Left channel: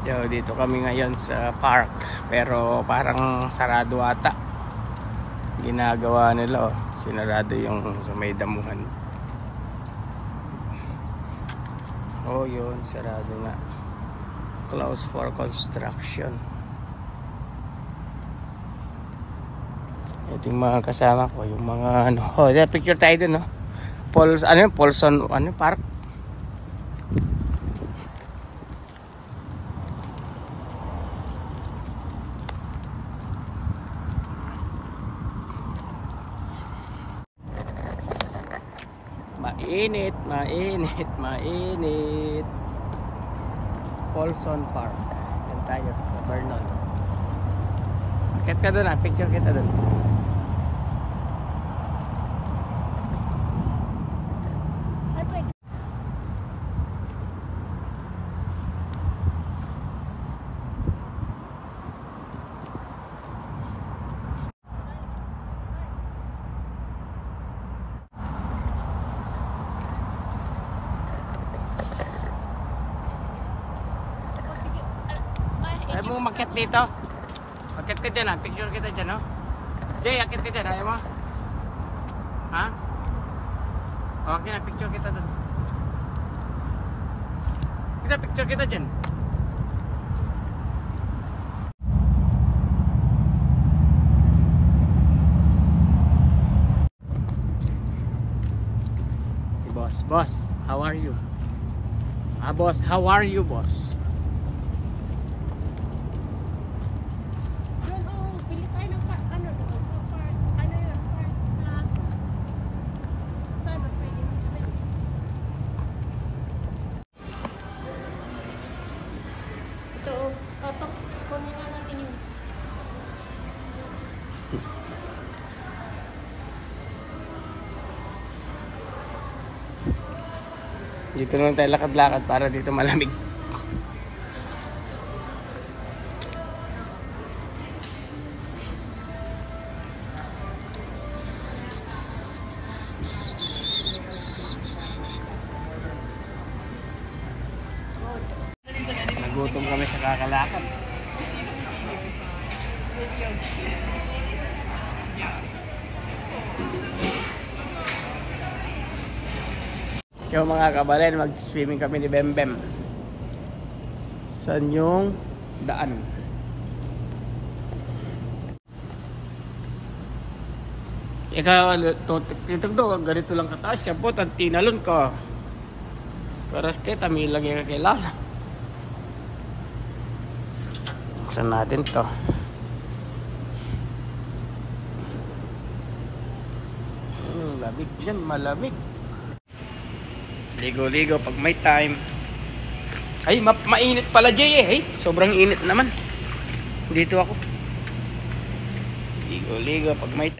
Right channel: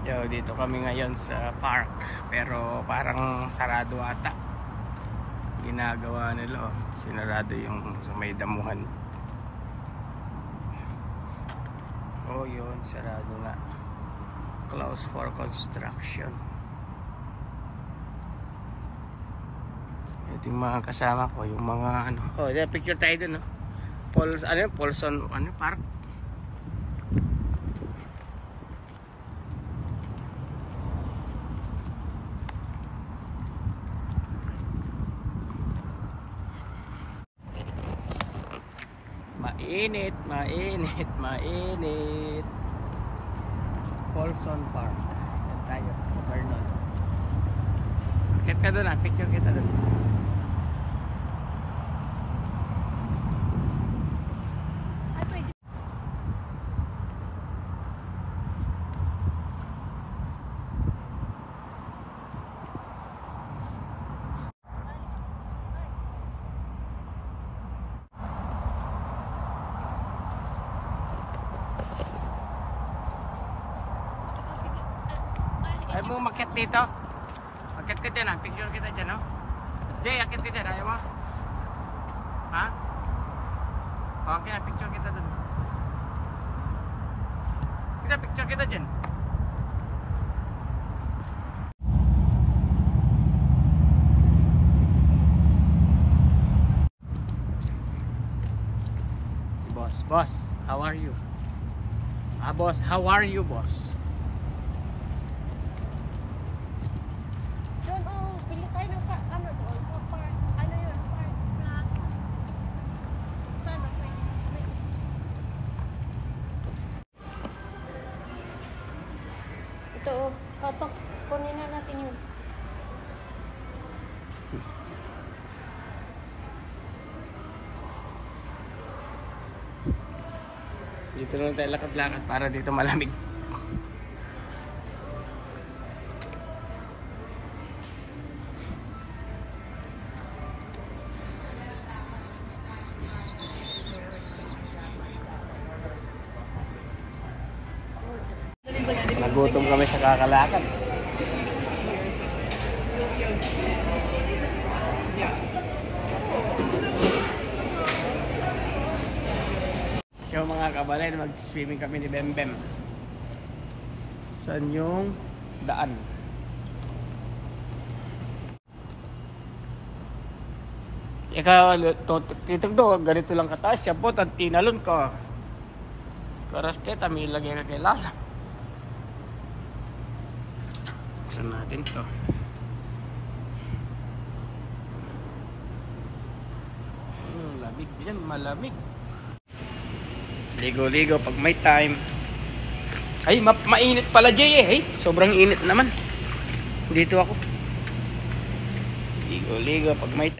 Yo, dito kami ngayon sa park, pero parang sarado ata. Ginagawa nila, oh. Sinarado yung sa may damuhan. Oh, yun, sarado nga. Closed for construction. Ito yung mga kasama ko, yung mga ano. Oh, picture tayo dun, no? Paulson, park. Mainit, mainit, mainit. Paulson Park. Yan tayo sa Vernon. Akit ka doon, picture kita doon. Ayaw mo umakyat dito? Akyat ka dyan, picture kita dyan, no? Jay, akyat ka dyan, ayaw mo? Ha? Okay na, picture kita dun. Picture kita dyan. Si boss, how are you? Boss, how are you, boss? Dito lang tayo lakad-lakad para dito malamig. Nagutom kami sa kakalakad. Yung mga kabalen, mag-swimming kami ni Bembem. Saan yung daan? Ikaw, tutugdo, ganito lang kataas. Siya po, tinalon ko. Karas kita, may lagay ka kilala. Buksan natin to. Lamig dyan, malamig. Ligo-ligo pag may time. Ay, mainit pala, Jay, eh. Ay, sobrang init naman. Dito ako. Ligo-ligo pag may time.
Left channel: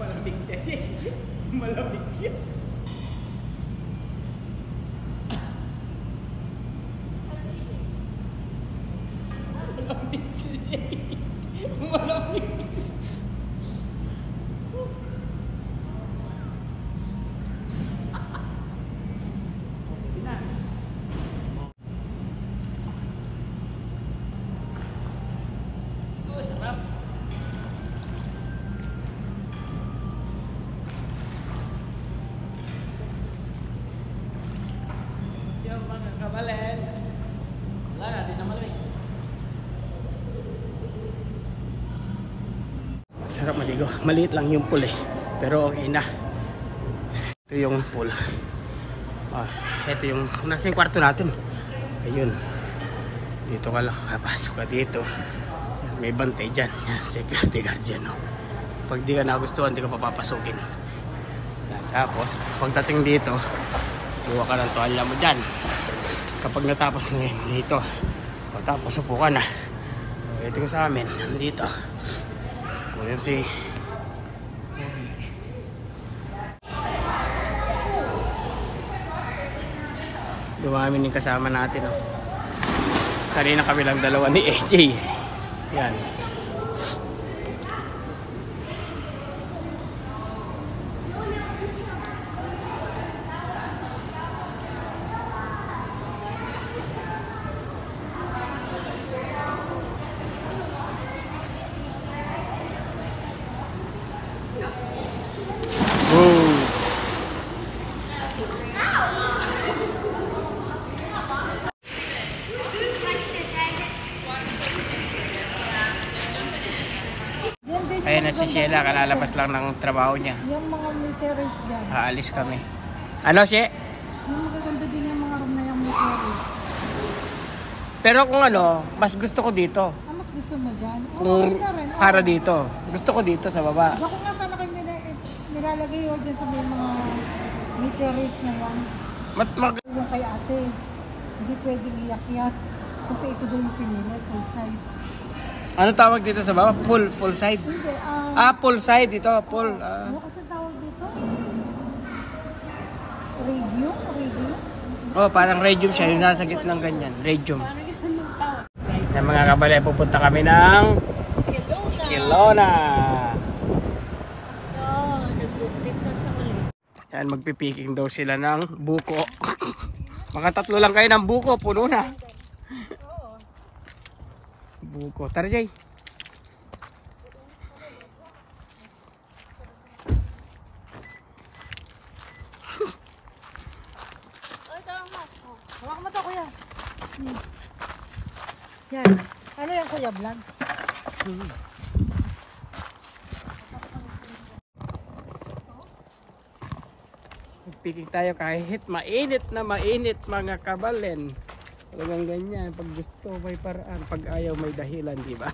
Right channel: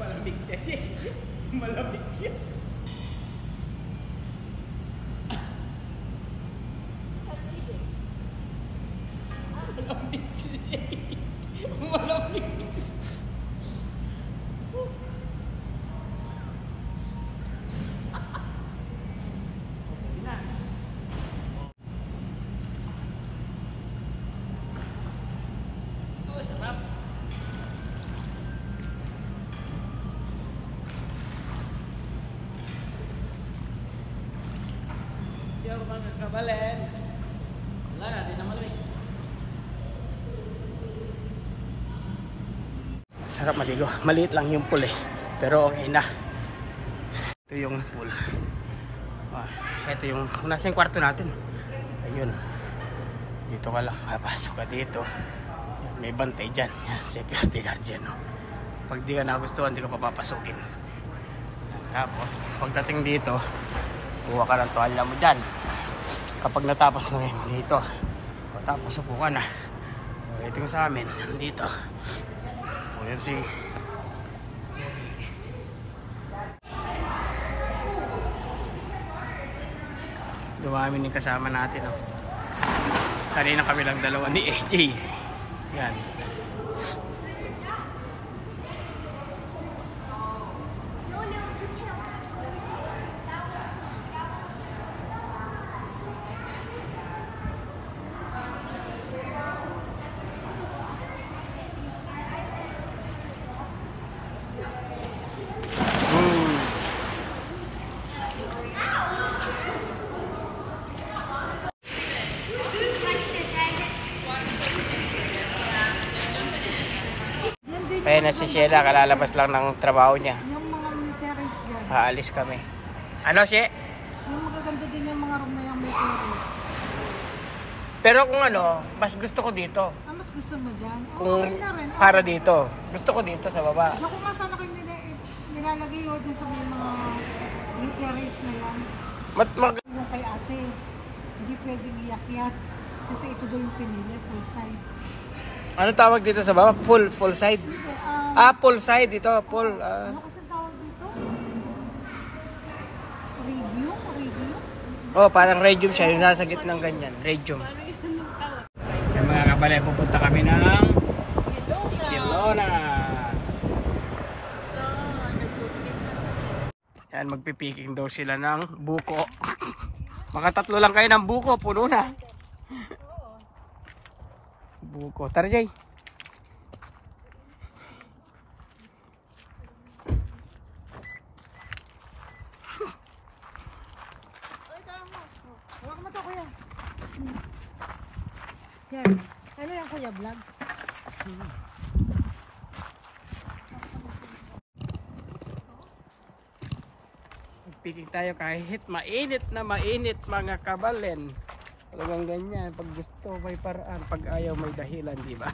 Malamig siya. Malamig siya. Malamig. Sarap. Mga kabalen, wala natin na malamig. Sarap maligo. Maliit lang yung pool, eh, pero okay na. Ito yung pool. Ito yung nasa yung kwarto natin. Ayun, dito ka lang, papasok ka dito. Yan, may bantay dyan. Yan, security guard dyan, no? Pag di ka nagustuhan, di ka papapasukin. Yan, tapos pagdating dito, kuha ka ng toalya mo dyan. Kapag natapos na yun dito, tapos upo ka na. ito yung sa amin. Nandito. O yun si... Dumami yung kasama natin. Oh. Kanina kami lang dalawa ni AJ. Yan. Ayan na si Sheila, kalalabas lang ng trabaho niya. Yung mga meteors dyan. Aalis kami. Ano, She? Yung magaganda din yung mga room na yung meteors. Pero kung ano, mas gusto ko dito. Ah, mas gusto mo dyan? Kung na rin. para dito. Gusto ko dito sa baba. Diyan ko nga sana kayo nilalagay yun dyan sa may mga meteors na yan. Yung kay ate, hindi pwedeng iyakyat. Kasi ito doon yung pinili, full side. Ano tawag dito sa baba? Full side? Hindi, full side dito. Full. Ano kasi tawag dito? Radium? Radium? Oh, parang radium siya. Yung nasa gitnang ganyan. Radium. Yan mga kabale, pupunta kami ng Kelowna. Yan, magpipiking daw sila ng buko. Makatatlo lang kayo ng buko, puno na. Buko. Tara, Jay. Huwag mo ito, kuya. Yan. Ano yung kuya vlog? Magpiking tayo kahit mainit na mainit mga kabalen. Talagang ganyan. Pag gusto may paraan. Pag ayaw may dahilan, di ba?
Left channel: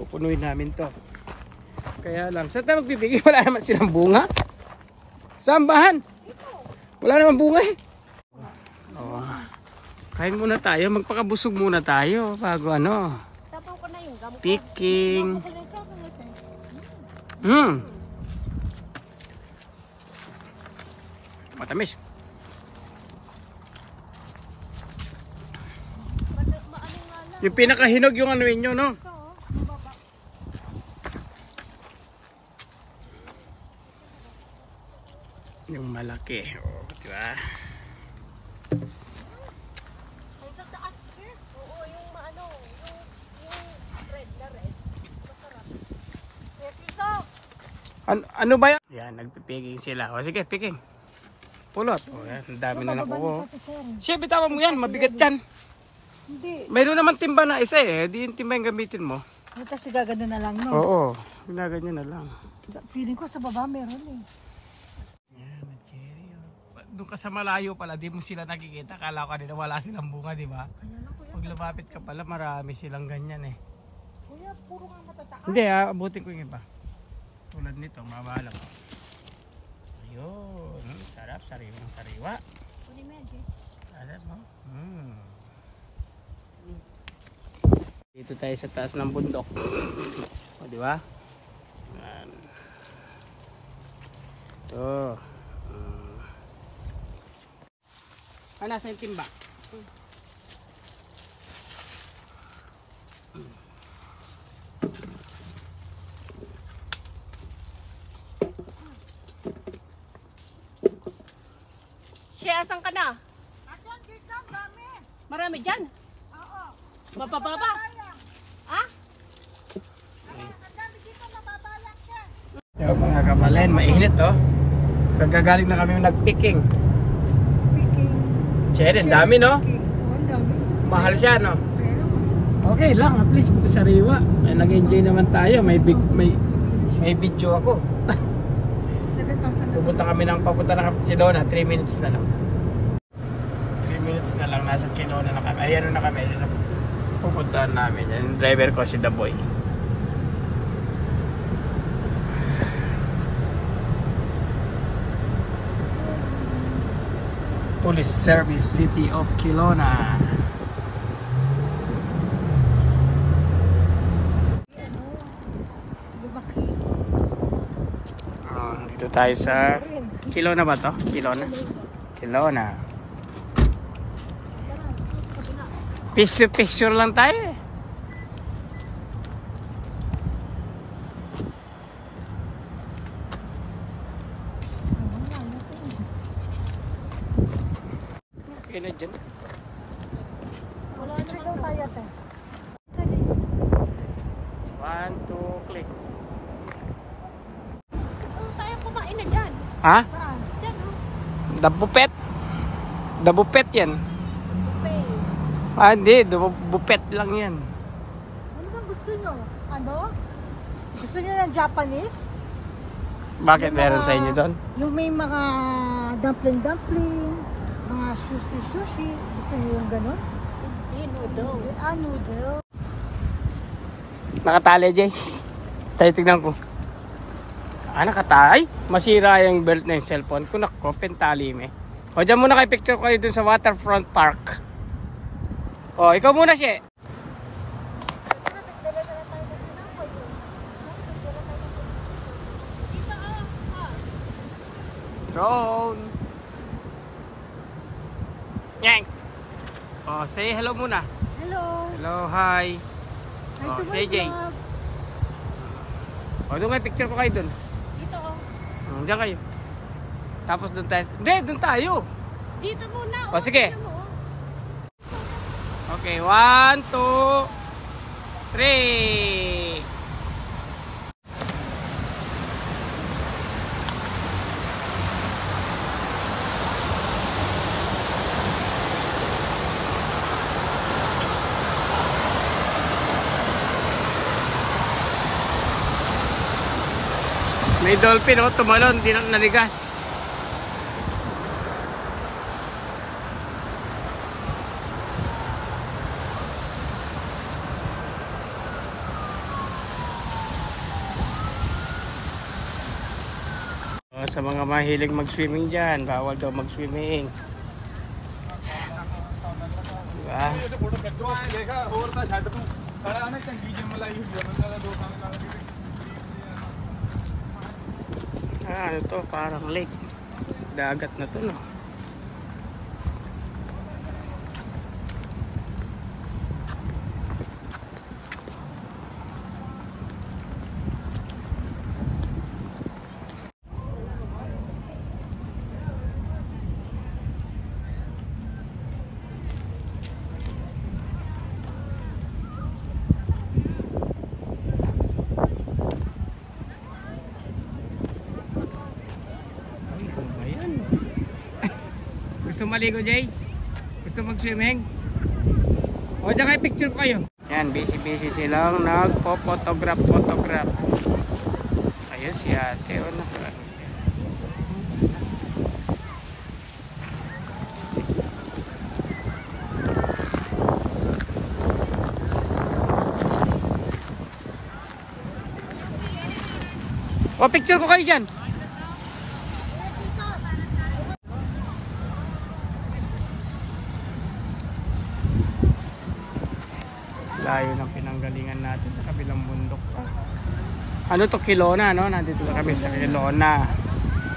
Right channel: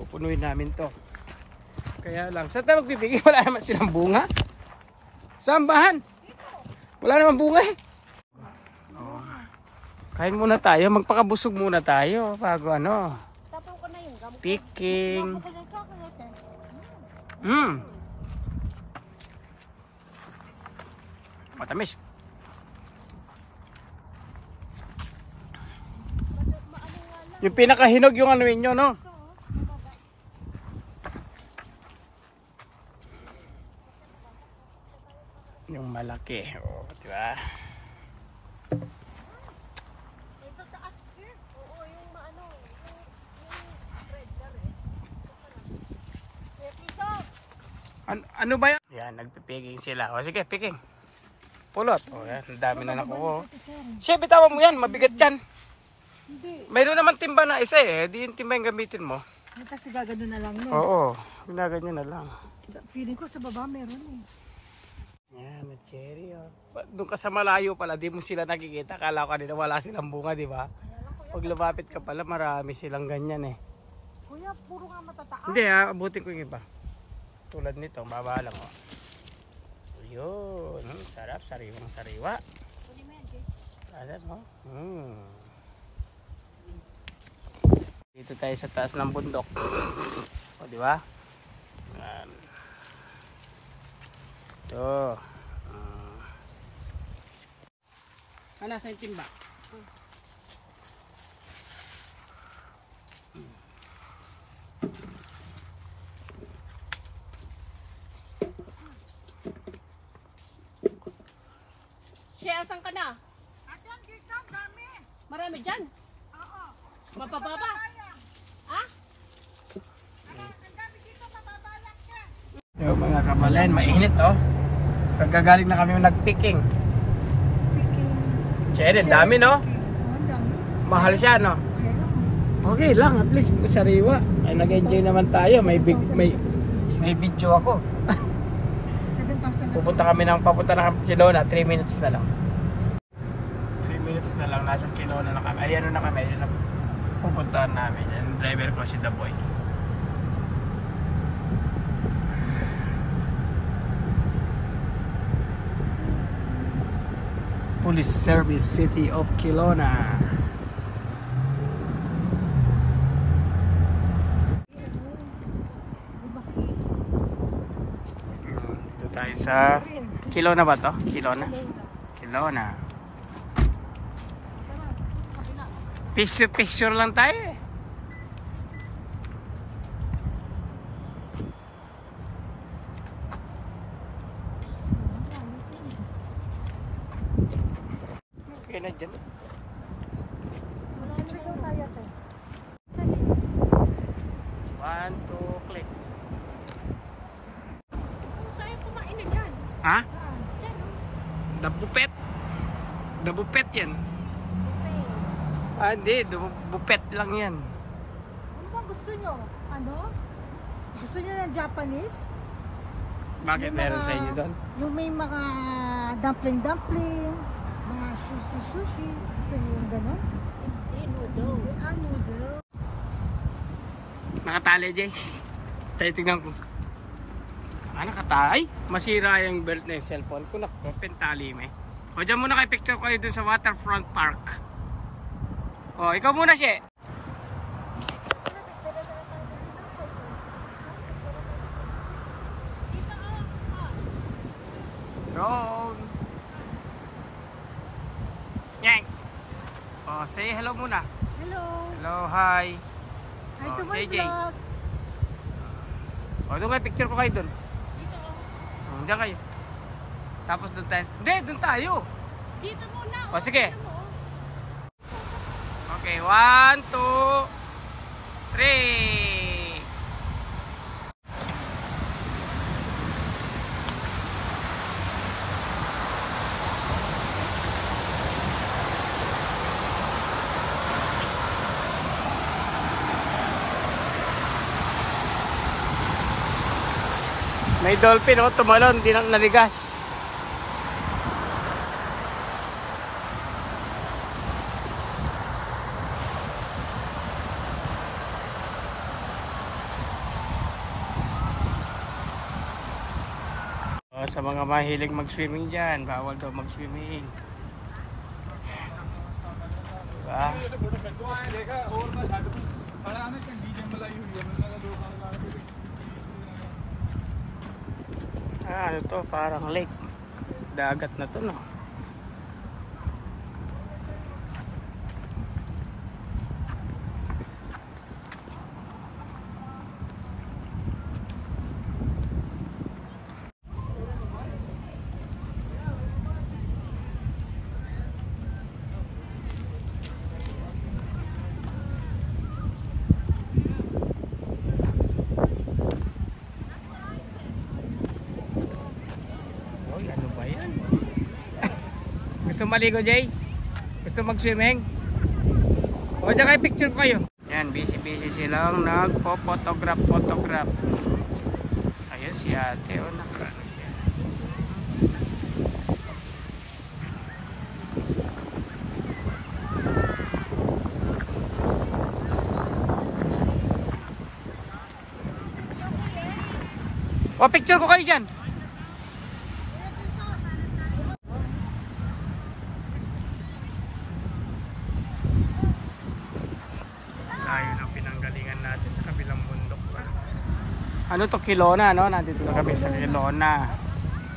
Pupunuin namin to. Kaya lang. Saan tayo magpipigil? Wala naman silang bunga. Sambahan. Wala naman bunga eh. Oh. Kain muna tayo. Magpakabusog muna tayo. Bago ano. Picking. Matamis. Yung pinakahinog yung ano ninyo, no? Yung malaki, oh, di ba? Ano ba yan? Yan, nagpipiging sila. O sige, picking. Pulot. O yan, ang dami na nakuha. Siya, bitawan mo yan, mabigat yan. Hindi. Mayroon naman timba na isa eh. Di yung timba yung gamitin mo. Kasi gagano na lang, no? Oo. Ginaganyan na lang. Feeling ko sa baba meron eh. Yan, may cherry. Oh. Doon ka sa malayo pala, di mo sila nakikita. Kala ko kanina wala silang bunga, di ba? Pag lumapit ka pala, marami silang ganyan eh. Kuya, puro nga matataas. Hindi ha, abutin ko yung iba. Tulad nito, mababa lang. Oh. Yun. Sarap, sariwang sariwa. Sarap mo. Dito tayo sa taas ng bundok. O, di ba? Ito. Nasa yung timba? Siya, asan ka na? Marami dyan? Mabababa? Ha? Yung mga kabalen, mainit oh. Kagagaling na kami nagpicking. Picking. Cherry, dami no? Picking. Oh, ang dami. Mahal siya no? Kaya lang. Okay lang, at least sariwa. Ay, nag-enjoy naman tayo. May video ako. 7,000 na Pupunta kami papunta ng Kelowna, 3 minutes na lang. 3 minutes na lang, nasa Kelowna na kami. Ayan na kami sa pupuntahan namin. Yung driver ko si The Boy. Police Service City of Kelowna. tayo sa Kelowna ba to? Kelowna? Kelowna. Picture lang tayo eh. Okay na dyan. One, two, click. Tayo kumain na dyan. Ha? Dyan. Dabupet? Dabupet yan. Ah, hindi. Bupet lang yan. Ano ba gusto nyo? Ano? Gusto nyo ng Japanese? Bakit meron sa inyo doon? Yung may mga dumpling, mga sushi. Gusto nyo yung gano'n? Noodles. Noodle. Nakatali, Jay. Tayo tignan ko. Nakatali. Ay, masira yung belt na yung cellphone ko. Nako, pentali me. O, dyan muna kayo picture kayo dun sa Waterfront Park. O, ikaw muna siya. Drone. Yang. O, say hello muna. Hello. Hello, hi. Hi Oh, to my say Jay. vlog. O, doon kayo picture ko kayo dun. Dito oh. Diyan kayo. Tapos doon tayo. Hindi, doon tayo. Dito muna. O, sige. Tingnan mo, oh. Okay, 1, 2, 3. May dolphin, oh, tumalon, di na naligas. Sa mga mahilig mag-swimming dyan, bawal daw mag-swimming. Diba? Ano to? Parang lake. Dagat na to, no? Gusto maligo, Jay? Gusto mag-swimming? O, dyan kayo picture ko kayo. Yan, busy silang nagpo-photograph. Ayun si ate, o, nakaano siya. O, picture ko kayo dyan. Layo ng pinanggalingan natin sa kabilang bundok pa. Ano to, Kelowna, no? Nandito na kami sa Kelowna.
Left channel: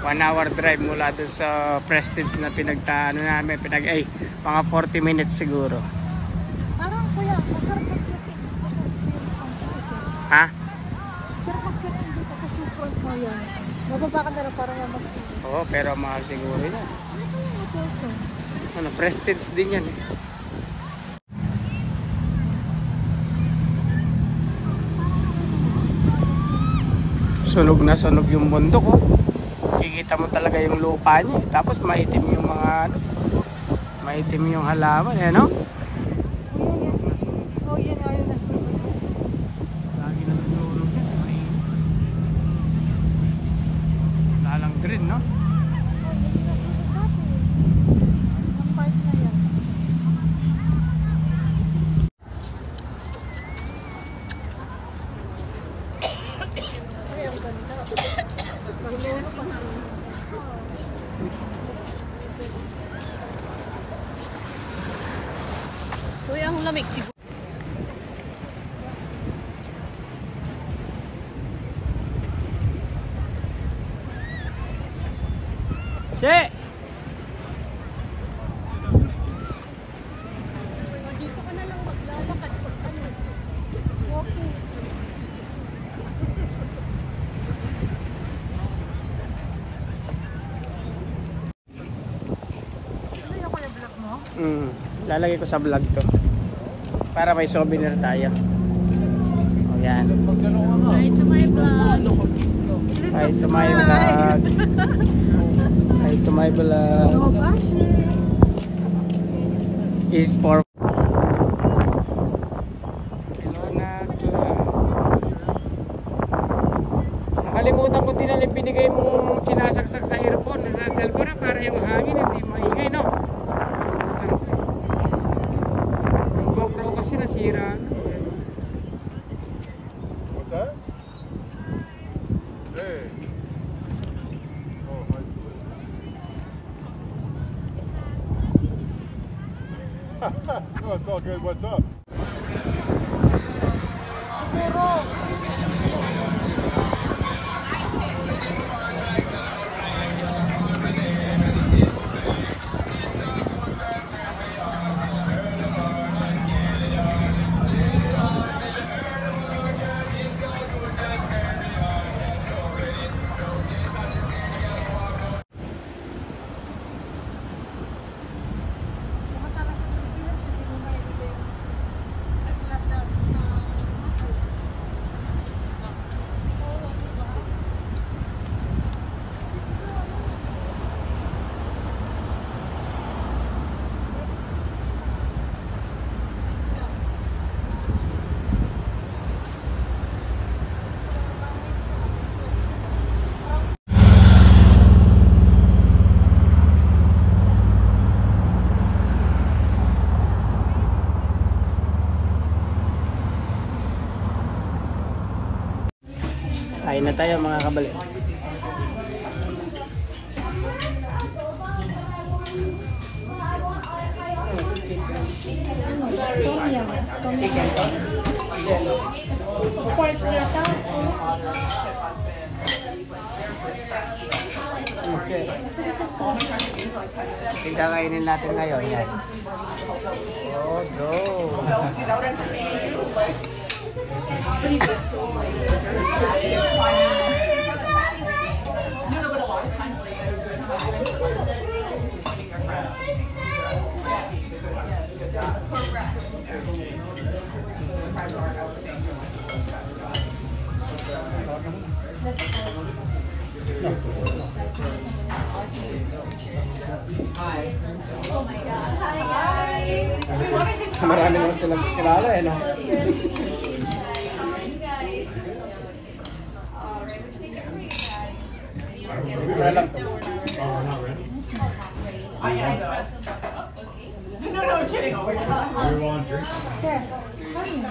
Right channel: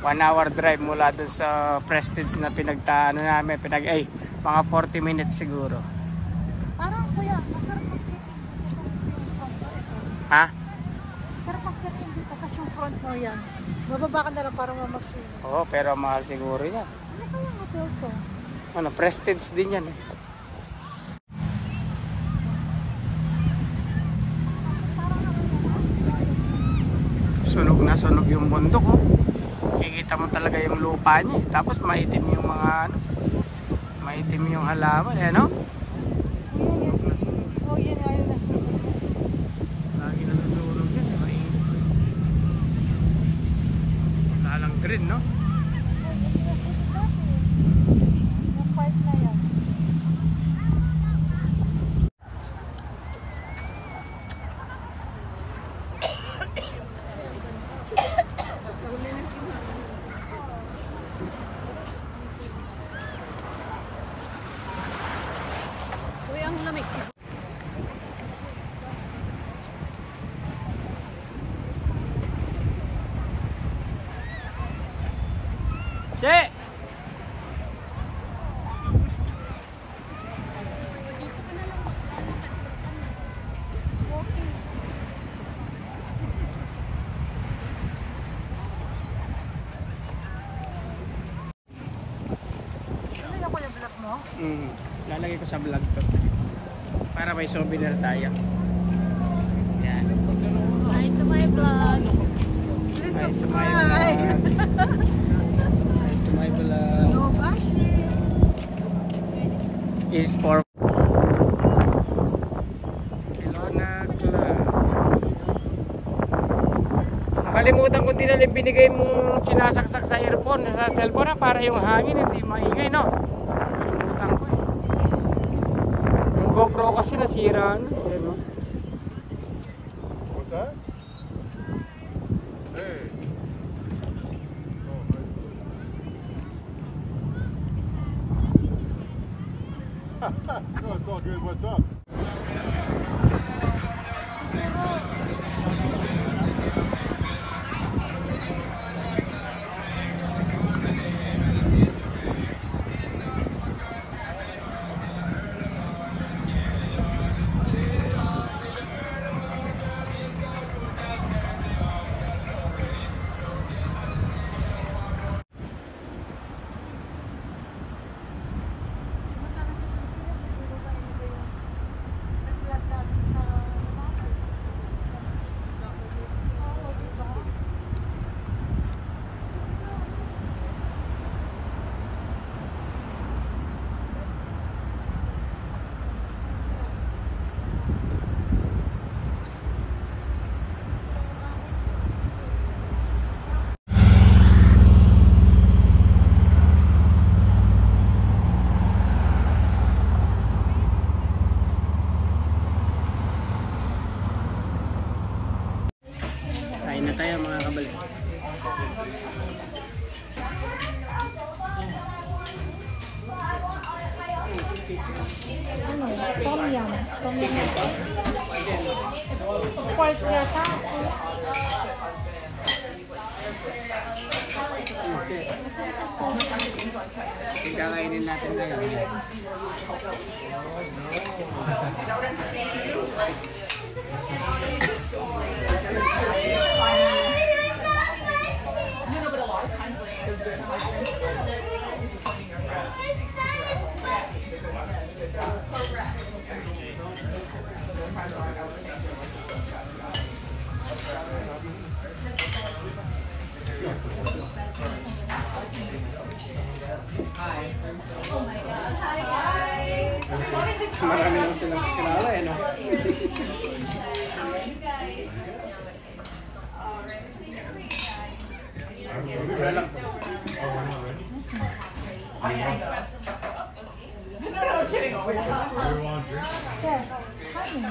1 hour drive mula doon sa Prestige na pinagtaano namin. Mga 40 minutes siguro. Parang kuya, masarap mag-shooting dito kasi yung front mo ito. Ha? Masarap mag-shooting dito kasi yung front mo yan. Mababa ka na rin para mas. Oo, pero mahal siguro yan. Ano, Prestige din yan eh. Sunog na sunog yung bundok, oh. Kikita mo talaga yung lupa niya eh. Tapos maitim yung mga ano, maitim yung halaman eh, no? Oh, yan ayaw na sunog. Lagi na nagsunog yan. Lalang green, no? Che! Dito ka na lang maglalakad pag ano. Walking. Ano yung kuya vlog mo? Lalagay ko sa vlog to. Para may souvenir tayo. Ayan. Hi to my vlog. Please Hi to my subscribe. vlog. Hi to my vlog. No bashing. Is for nakalimutan ko din na binigay mong sinasaksak sa earphone sa cellphone na para yung hangin hindi maingay, no? Nakalimutan ko eh. Yung GoPro kasi nasira na. What's that? Hey. Oh, hi. No, it's all good. What's up? Kain na tayo mga kabali. Ano? Tom yum. Tom yum. Pork yata. Yung kakainin natin ngayon. Yan. Oh, no. Marami naman silang kilala eh na. Walang to. Yes. Honey.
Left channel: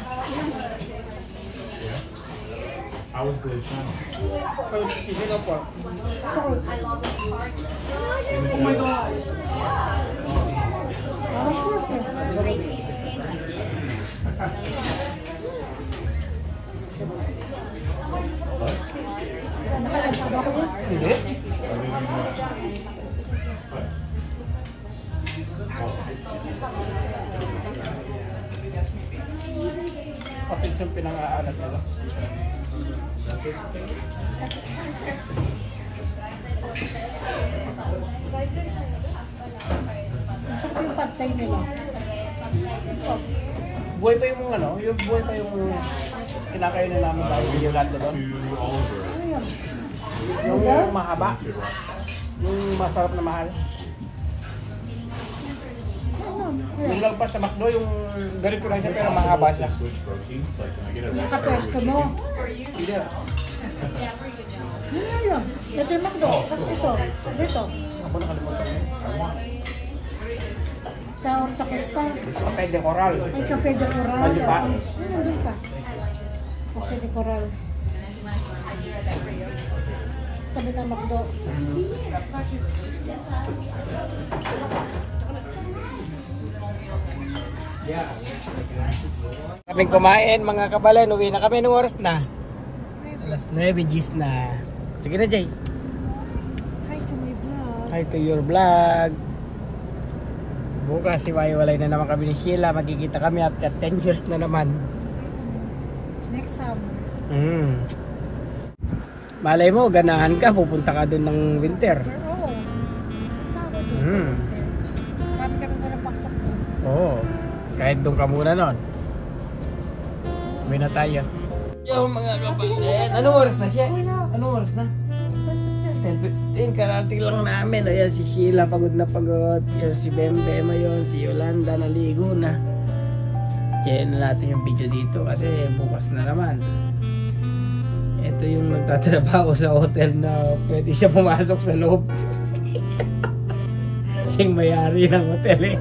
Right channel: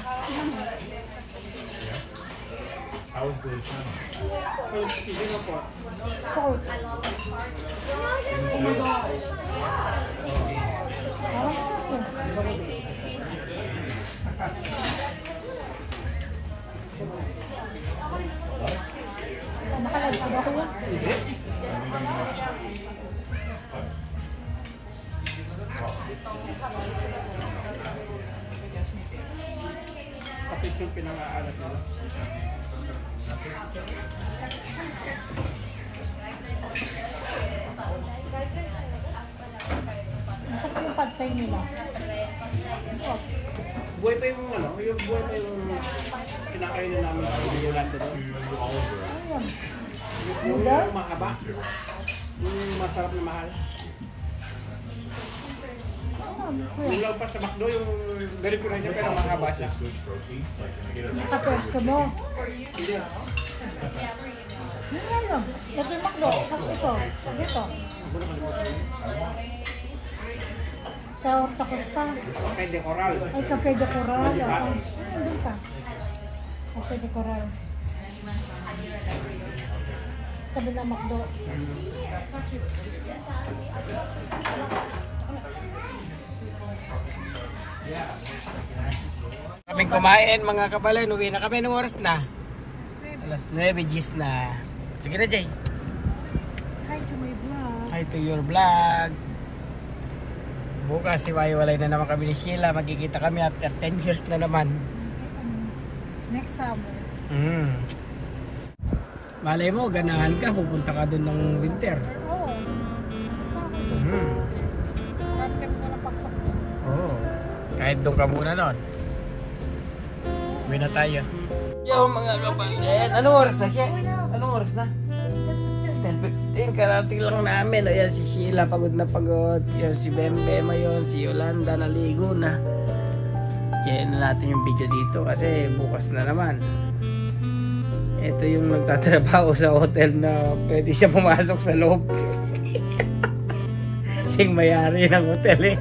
How was the channel? Sino po? Pork. Oh my God. Parang pork eh. Nakalag ka ba kuya? Hindi. Kapit yung pinang-aalat nila. Masarap yung padsay nila. Buhay pa yung ano, yung buhay pa yung kinakain na namin dahil hindi yung lahat doon. Ano yan? Yung mahaba, yung masarap na mahal. Yung lagpas sa McDo, yung ganito lang siya pero mahaba siya. Nakapesto mo. Yun nga yun. Ito yung McDo. Tapos ito. Dito. Ako nakalimutan yun. Sa Horta Costa. Cafe de Coral. Ay, Cafe de Coral. Ano ba? Ay, nandun ka. Cafe de Coral. Tabi ng McDo. Kaming kumain mga kabalay, uwi na kami. Anong oras na? Alas 9 gis na. Sige na Jay. Hi to my vlog. Hi to your vlog. Bukas iwalay na naman kami ni Sheila. Magkikita kami after 10 years na naman. Next summer. Malay mo, ganahan ka, pupunta ka dun ng winter. Oo. Marami kami muna pasok doon. Oo. Kahit doon ka muna nun. Uwi na tayo. Yo mga kapatid, anong oras na siya? Anong oras na? 10:15, karating lang namin. Ayan si Sheila, pagod na pagod. Yung si Bembem, yun, si Yolanda, naligo na. Kaya na natin yung video dito kasi bukas na naman. Ito yung magtatrabaho sa hotel na pwede siya pumasok sa loob. Sing mayari ng hotel eh.